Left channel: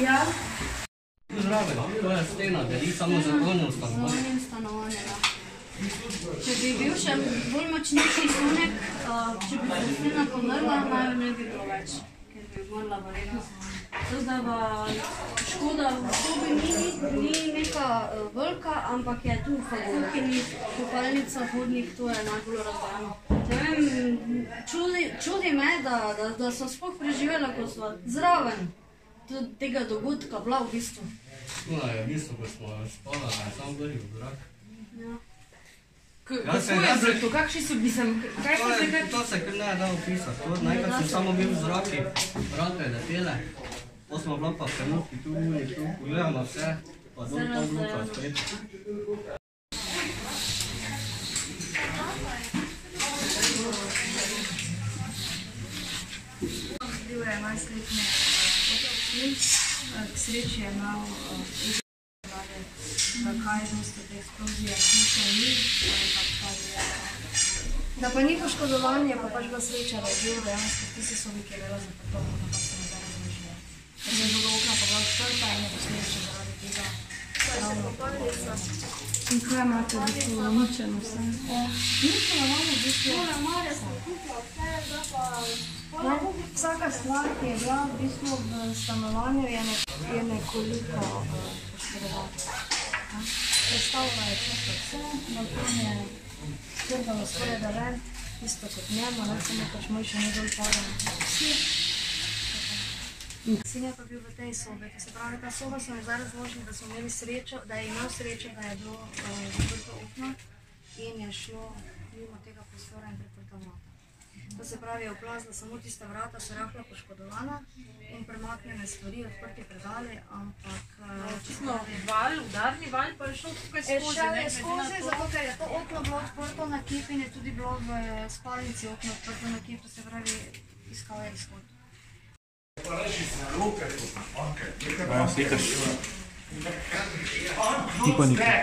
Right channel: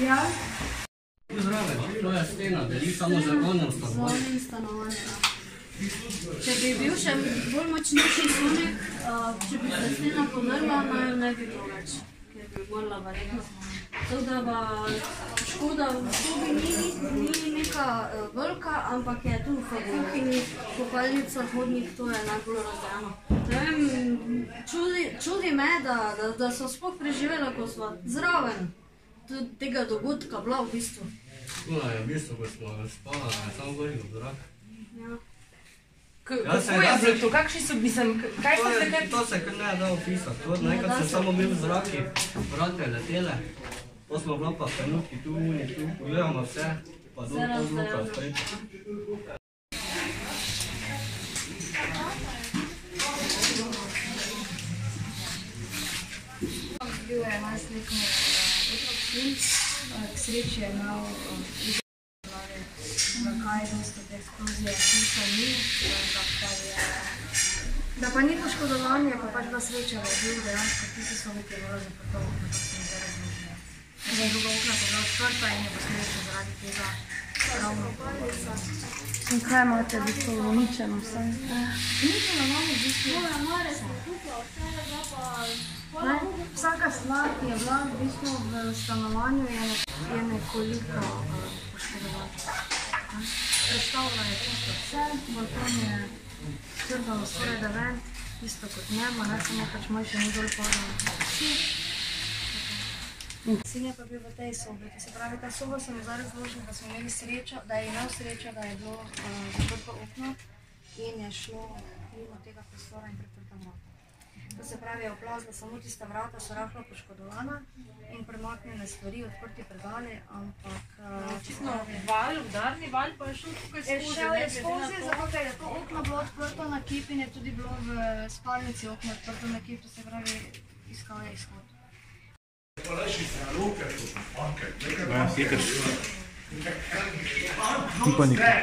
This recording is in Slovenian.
Ja. Zraven, to je stena, deli samo za onem stanovanjem. Za onem stanovanjem, ja. Če bi bil še bolj močnejši sonek, če bi se stena podrla, ne bi bilo več, ker bi morala verjetno. Tako da pa škoda v sobi ni neka velika, ampak je tu v kuhinji, kopalnica, hodnik, to je najbolj razdajano. Ne vem, čudi me, da so sploh preživela, ko so zraven tega dogodka bila v bistvu. No, je v bistvu, ko smo spala, je samo goril v zrak. Ja. Kako je bilo to? Kakšni so, kaj so se kaj? To se kar ne da opisati. Nekaj sem samo bil v zraki, vrate letele, to smo bila pa trenutki tu, pogledamo vse, pa dol pol bloka spred. Bil je najsletni otrok sin, k sreči je imel zakaj dosta te eksplozije slušal ni, da pa ni poškodovanje, pa pač bila sreča, da je bil dejansko tiste sobi, ki je bilo zaprto, nekako se mi zdaj razložilo. Ker je druga okna pa bila odprta in je posledično zaradi tega ravno palica. In kaj imate v bistvu uničeno vse? Uničeno imamo v bistvu vse, vsaka stvar, ki je bila v bistvu v stanovanju, je nekoliko poškodovana. Predstavila je čisto vse, balkon je strgalo skoraj da ven, isto kot njema, samo pač moj še ni dol padal. Sin je pa bil v tej sobi, to se pravi, ta soba so mi zdaj razložili, da smo imeli srečo, da je imel srečo, da je bilo zaprto okno in je šlo mimo tega prostora in priprta vrata. To se pravi, je oplazila samo tista vrata, so rahlo poškodovana in premaknjene stvari, odprti predali, ampak... Čisto val, udarni val pa je šel tukaj skozi? Šel je skozi, zato ker je to okno bilo odprto na kip in je tudi bilo v spalnici okno odprto na kip, to se pravi, iskala je izhod. Ti pa nikaj.